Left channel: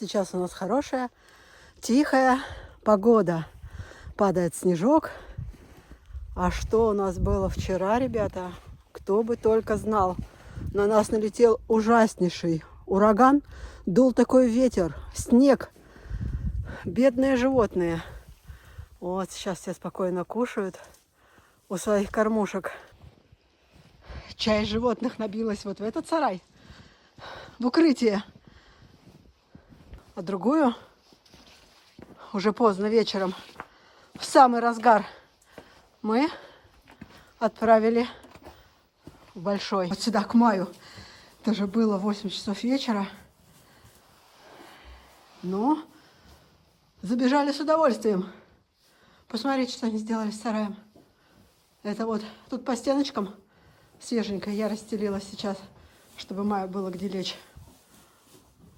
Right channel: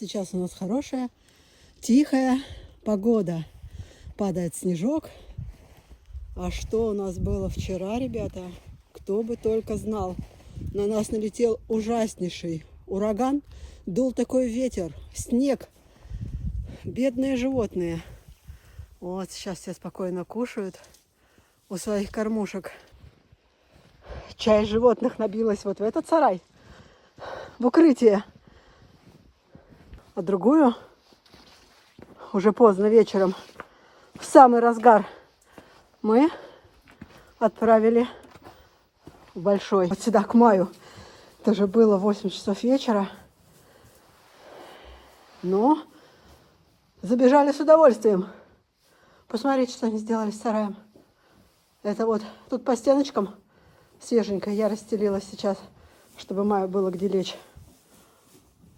Сейчас у нас хорошая, тихая погода. Падает снежок. А что у нас было вчера, ребята? Кто бы только знал. На нас налетел ужаснейший ураган. Дул такой ветер, снег. Бедные животные. Вот сейчас все спокойно кушают у своих кормушек. Часть животных набилась вот в этот сарай, в укрытие. А другую уже поздно вечером, в самый разгар, мы отправили в большой, вот сюда, к Маю. Это же было 8 часов вечера. Но забежали с удовольствием. Посмотрите, что они сделали с сараем. Это вот тут по стеночкам свеженько я расстелила сейчас, чтобы Маю было где лечь.